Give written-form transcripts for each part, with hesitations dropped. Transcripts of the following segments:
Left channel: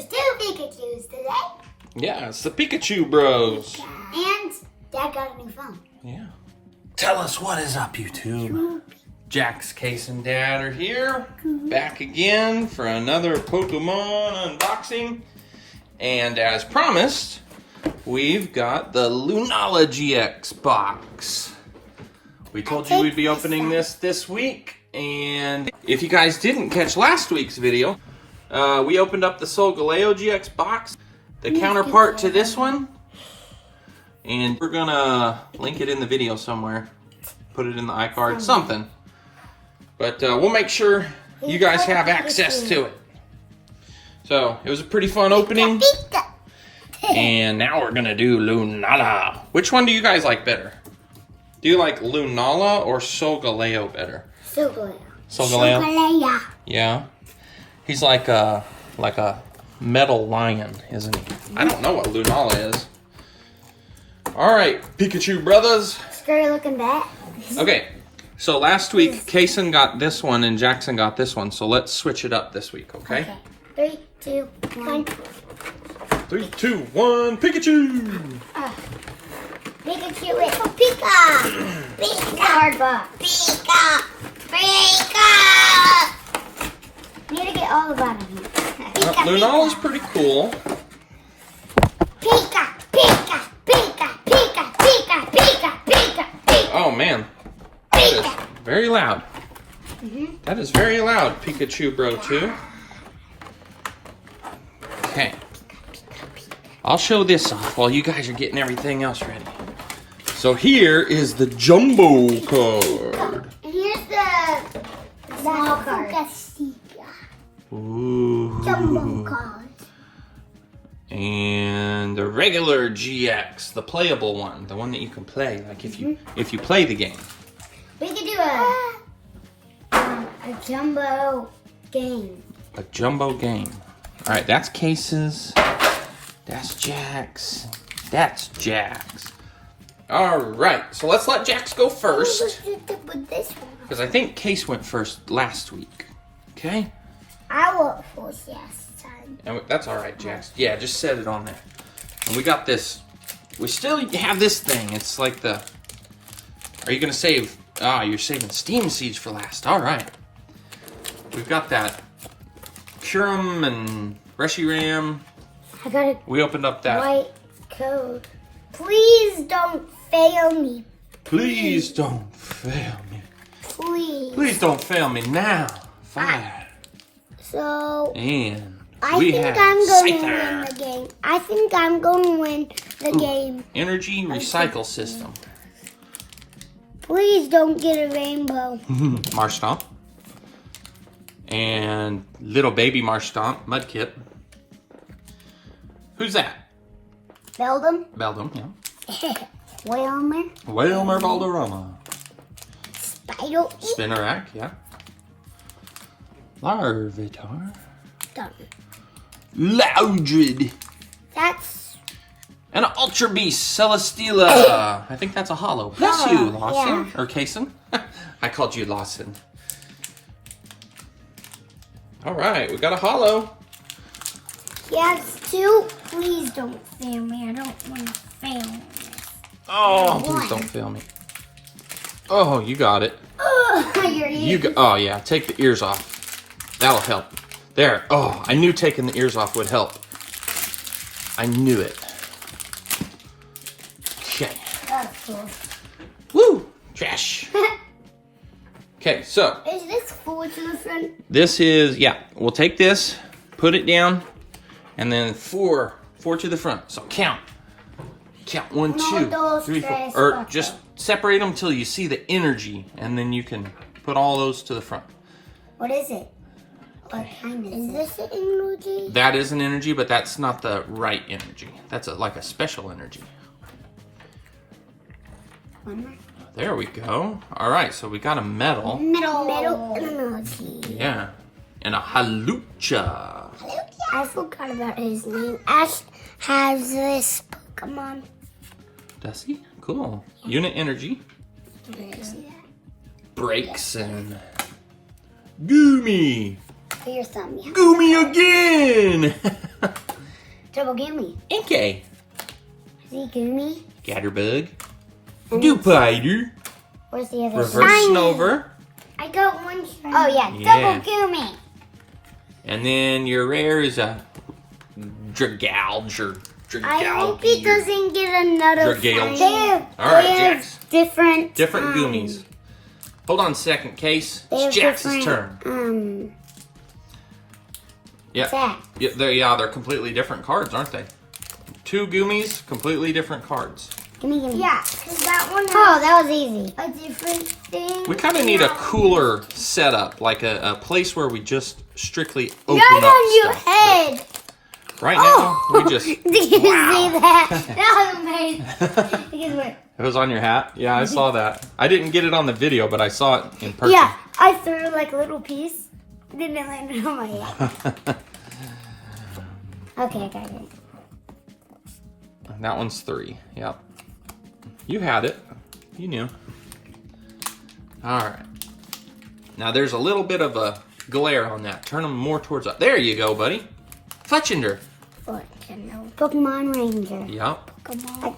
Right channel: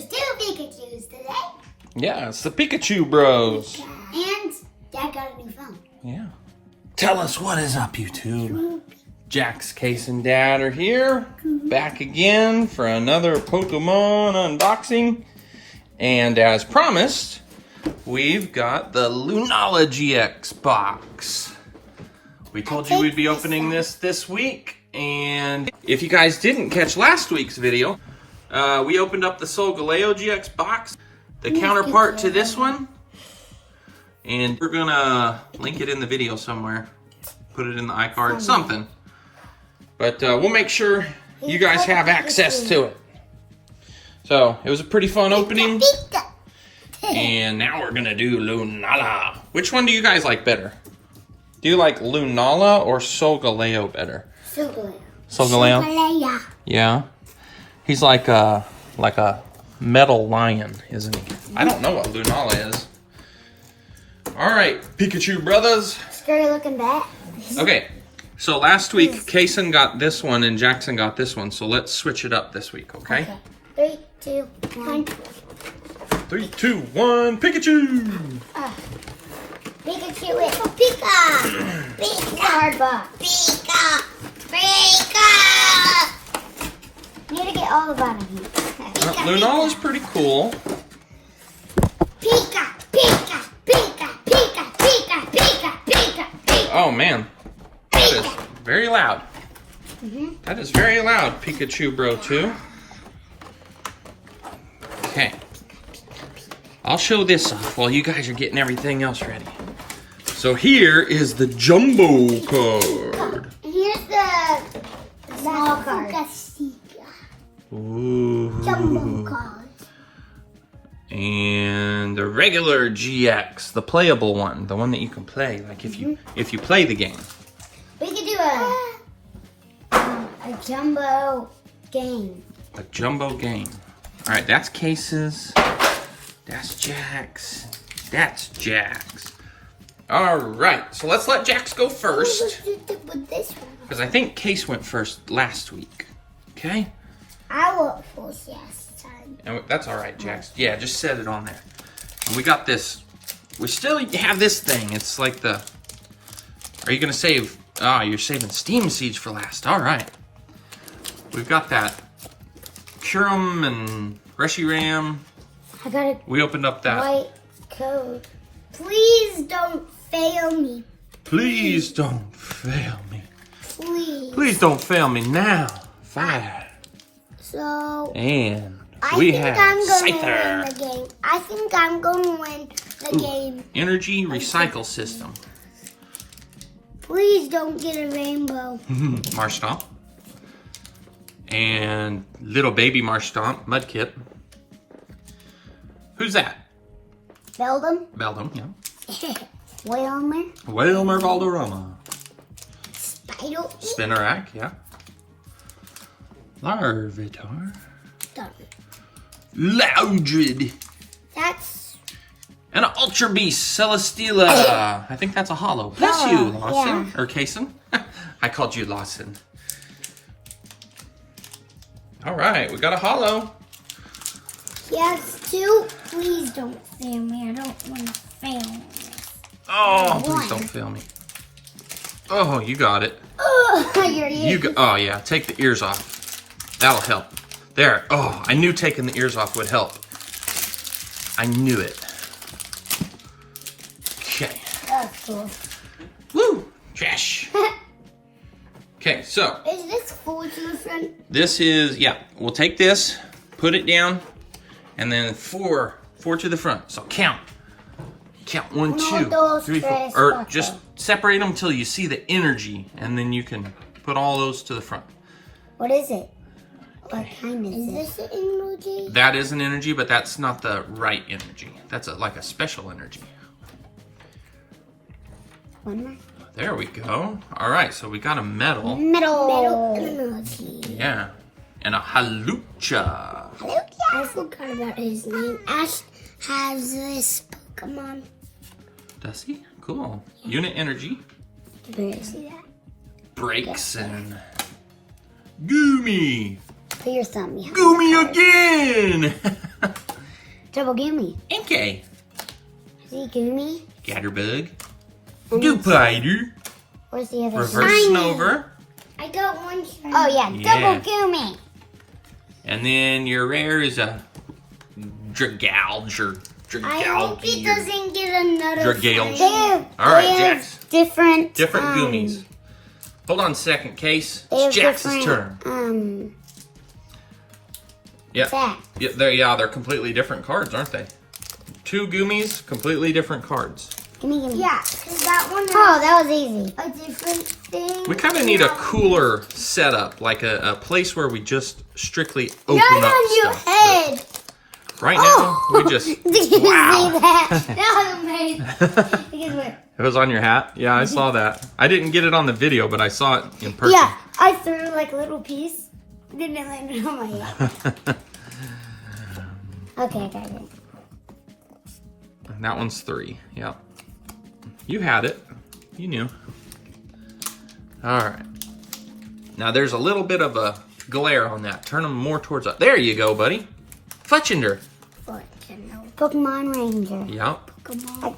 There's 2 Pikachus today. Yeah, it's the Pikachu Bros. And Dad got a new phone. Yeah. Tell us what is up, YouTube. Jax, Case, and Dad are here. Back again for another Pokemon unboxing. And as promised, we've got the Lunala GX box. We told you we'd be opening this week. And if you guys didn't catch last week's video, we opened up the Solgaleo GX box, the counterpart to this one. And we're gonna link it in the video somewhere. Put it in the iCard, something. But we'll make sure you guys have access to it. So, it was a pretty fun opening. And now we're gonna do Lunala. Which one do you guys like better? Do you like Lunala or Solgaleo better? Solgaleo. Solgaleo? Yeah. He's like a metal lion, isn't he? I don't know what Lunala is. Alright, Pikachu brothers. Scary looking bat. Okay, so last week, Kaysen got this one and Jackson got this one. So let's switch it up this week, okay? 3, 2, 1. 3, 2, 1, Pikachu! Pikachu with Pika! Pika! Card box. Pika! Pika! Need to get all the bottom here. Lunala's pretty cool. Pika! Pika! Pika! Pika! Pika! Pika! Pika! Pika! Oh man, that is very loud. That is very loud, Pikachu Bro 2. Okay. I'll show this off while you guys are getting everything else ready. So here is the jumbo card. And here's the small card. Ooh. Jumbo card. And the regular GX, the playable one, the one that you can play, like if you play the game. We could do a jumbo game. A jumbo game. All right, that's Cases. That's Jax. That's Jax. All right, so let's let Jax go first. Because I think Case went first last week. Okay? I went first last time. And that's all right, Jax. Yeah, just set it on there. And we got this. We still have this thing. It's like the... Are you going to save... Ah, you're saving Steam Siege for last. All right. We've got that Curum and Reshiram. I got a We opened up that... white code. Please don't fail me. Please don't fail me. Please. Please don't fail me now. 5. So... And I we think have I'm going to win Scyther. the game. I think I'm going to win the game. Energy recycle system. Please don't get a rainbow. Marshtomp. And little baby Marshtomp, Mudkip. Who's that? Beldum. Beldum, yeah. Wilmer. Wilmer Valderrama. Spider. Spinarak, yeah. Larvitar. Done. Loudred. That's... And an Ultra Beast, Celesteela. I think that's a holo. Bless you, Lawson. Yeah. Or Kaysen. I called you Lawson. All right, we got a holo. Yes, 2. Please don't fail me. I don't want to fail. Oh, please don't fail me. Oh, you got it. Oh, Oh yeah, take the ears off. That'll help. There. Oh, I knew taking the ears off would help. I knew it. Okay. Woo! Trash. Okay, so. Is this 4 to the front? This is, yeah, we'll take this, put it down, and then 4 to the front. So count. Count 1, 2, 3, 4. Or just separate them till you see the energy, and then you can put all those to the front. What is it? What kind is this an energy? That is an energy, but that's not the right energy. That's like a special energy. There we go. All right, so we got a metal. Metal energy. Yeah. And a Halucha. I forgot about his name. Ash has this Pokemon. Does he? Cool. Unit energy. Where is he at? Breaks and Goomy. Put your thumb here. Goomy again. double gimme. Inkay. See, gimme. Scatterbug. Dewpider. Where's the other Reverse Snover. I got one. Oh, yeah. Double gimme. And then your rare is a Dragalge or I hope he Dragalge. or doesn't get another Dragalge. shiny. All right, Jax. Different Goomies. Hold on a second, Case. they have It's Jax's different, turn. Yeah. Facts. They're completely different cards, aren't they? 2 Goomies, completely different cards. Gimme. Yeah, because that one. Oh, that was easy. A different thing. We kind of need a cooler setup, like a place where we just strictly open Not up on your stuff. head. But right now, we just. Did you see Wow. that? That was amazing. It was on your hat? Yeah, I saw that. I didn't get it on the video, but I saw it in person. Yeah, I threw like a little piece. Then it landed on my head. Okay, I got it. That one's 3. Yep. You had it. You knew. All right. Now there's a little bit of a glare on that. Turn them more towards up. There you go, buddy. Fletchinder. Pokemon Ranger. Yep.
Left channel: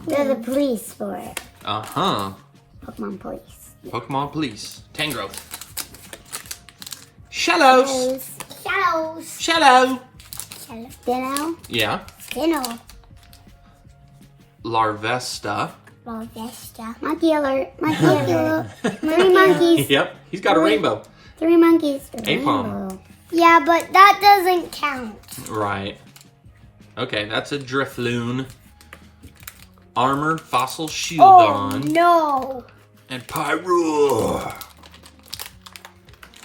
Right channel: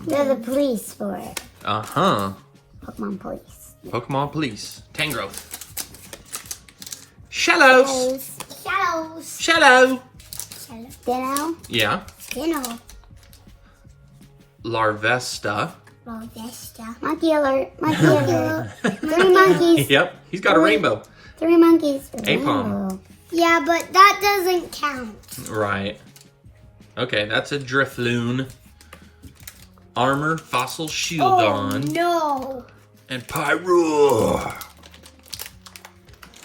They're the police for it. Uh-huh. Pokemon police. Pokemon Police. Tangrowth. Shallows. Shallows. Shallow. Dino. Yeah. Dino. Larvesta. Monkey alert. Monkey alert. 3 monkeys. Yep. He's got a rainbow. 3 monkeys. Apom. Yeah, but that doesn't count. Right. Okay, that's a Drifloon. Armor, Fossil Shieldon. No. And Pyroar.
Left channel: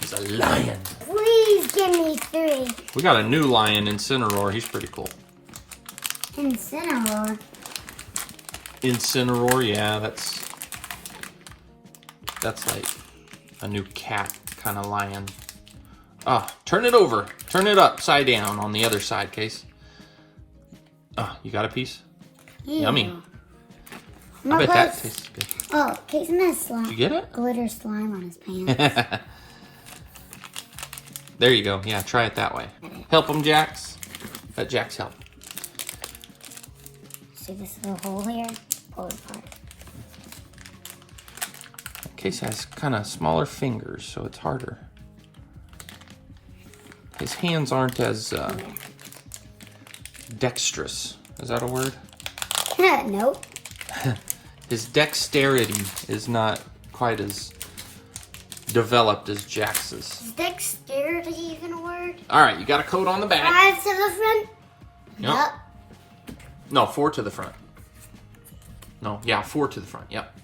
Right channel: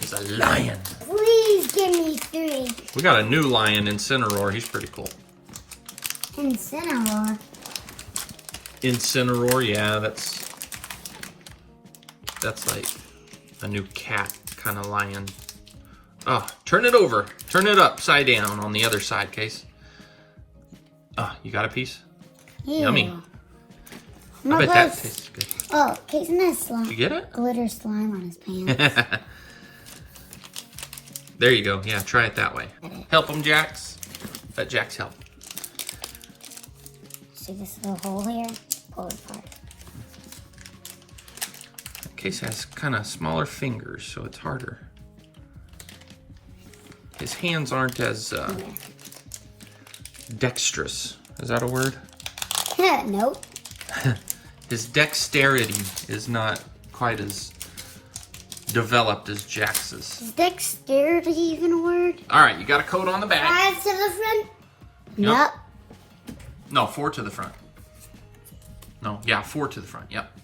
He's a lion. Please give me 3. We got a new lion Incineroar. He's pretty cool. Incineroar. Incineroar, yeah, that's like a new cat kind of lion. Oh, turn it over. Turn it upside down on the other side, Case. You got a piece? Ew. Yummy. I bet that tastes good. Oh, Casey has slime. You get it? Glitter slime on his pants. There you go. Yeah, try it that way. Help him, Jax. Let Jax help. See this little hole here? Pull it apart. Case has kind of smaller fingers, so it's harder. His hands aren't as dexterous. Is that a word? Nope. His dexterity is not quite as developed as Jax's. Is dexterity even a word? All right, you got a code on the back. 5 to the front? Yep. No, 4 to the front. No, yeah, 4 to the front. Yep.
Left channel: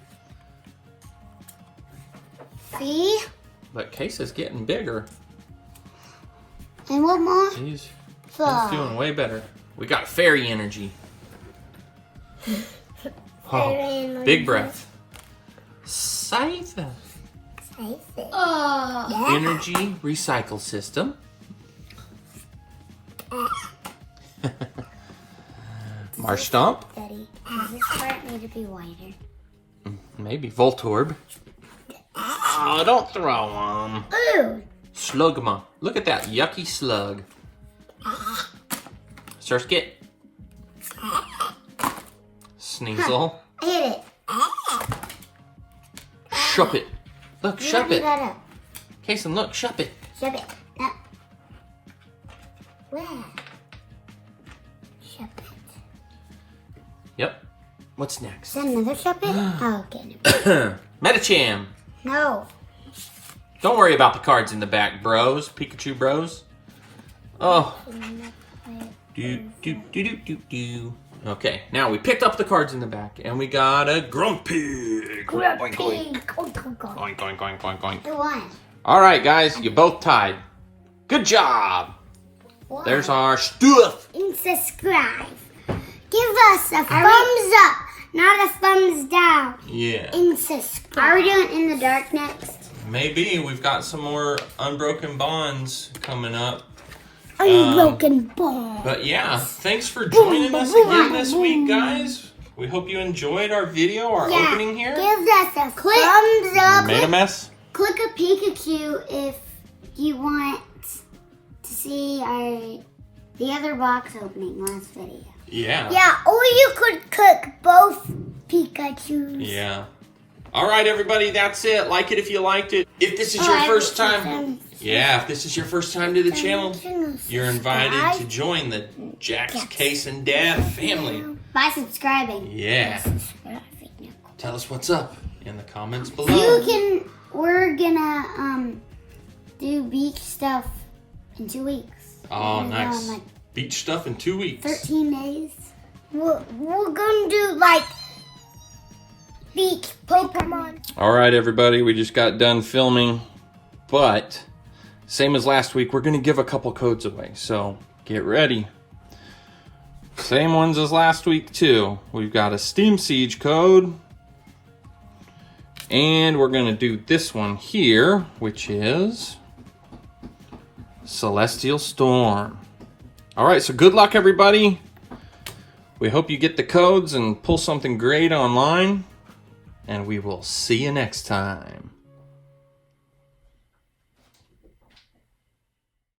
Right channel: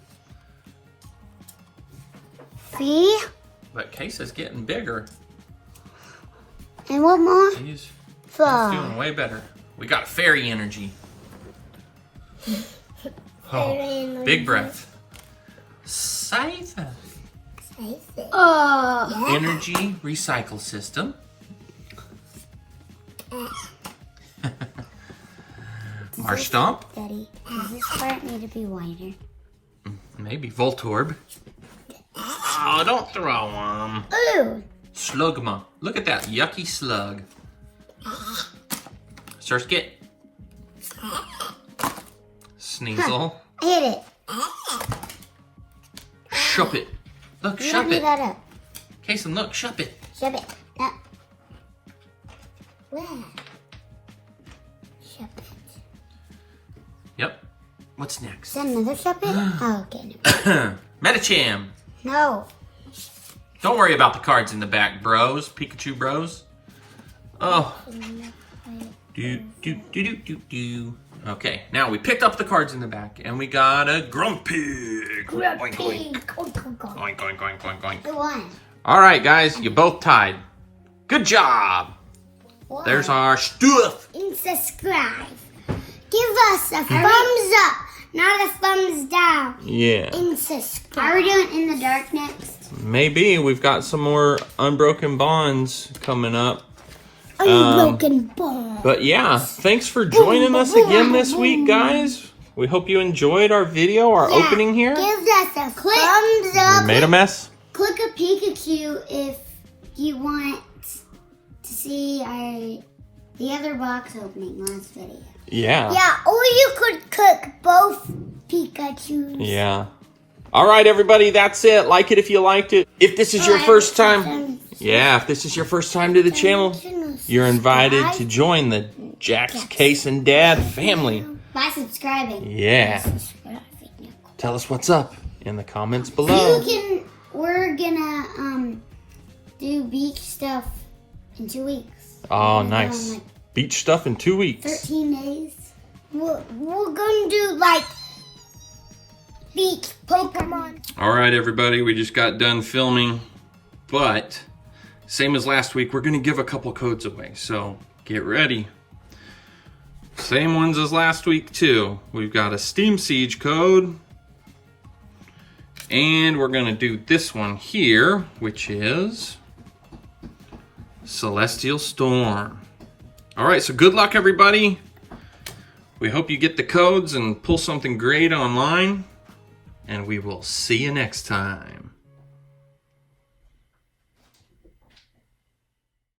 See? But Case is getting bigger. And what more? He's Fly. doing way better. We got fairy energy. Fairy Big breath. Scythe. Oh. Energy recycle system. Marstomp. Daddy, does this part need to be wider? Maybe Voltorb. Oh, don't throw them. Ooh. Slugma. Look at that yucky slug. Surskit. Sneasel. I hit it. Shuppet. Look, Shove Shuppet. that up. Kason, look, Shuppet. Shove it up. Where? Shove it. Yep. What's next? Is that another shove it? Oh, get it. Medicham. No. Don't worry about the cards in the back, bros. Pikachu bros. Oh. Do. Okay, now we picked up the cards in the back, and we got a Grumpig. Oink, oink. Oink, oink, oink, oink, oink. The one. All right, guys, you both tied. Good job. What? There's our stuff. And subscribe. Give us a thumbs up, not a thumbs down. Yeah. And subscribe. Are we doing In the Dark next? Maybe. We've got some more Unbroken Bonds coming up. Unbroken Ball. But yeah, thanks for joining us again this week, guys. We hope you enjoyed our video, our opening here. Give us a thumbs up. We made a mess. Click a Pikachu if you want to see our the other box opening last video. Yeah. Yeah, or you could cook both Pikachus. Yeah. All right, everybody, that's it. Like it if you liked it. If this is your first time, if this is your first time to the channel, you're invited to join the Jack's Case and Dad family. By subscribing. Yeah. Tell us what's up in the comments below. We're gonna do beach stuff in 2 weeks. Oh, nice. Like Beach stuff in 2 weeks. 13 days. We're gonna do like beach Pokemon. All right, everybody, we just got done filming, but same as last week, we're gonna give a couple codes away, so get ready. Same ones as last week too. We've got a Steam Siege code, and we're gonna do this one here, which is Celestial Storm. All right, so good luck, everybody. We hope you get the codes and pull something great online. And we will see you next time.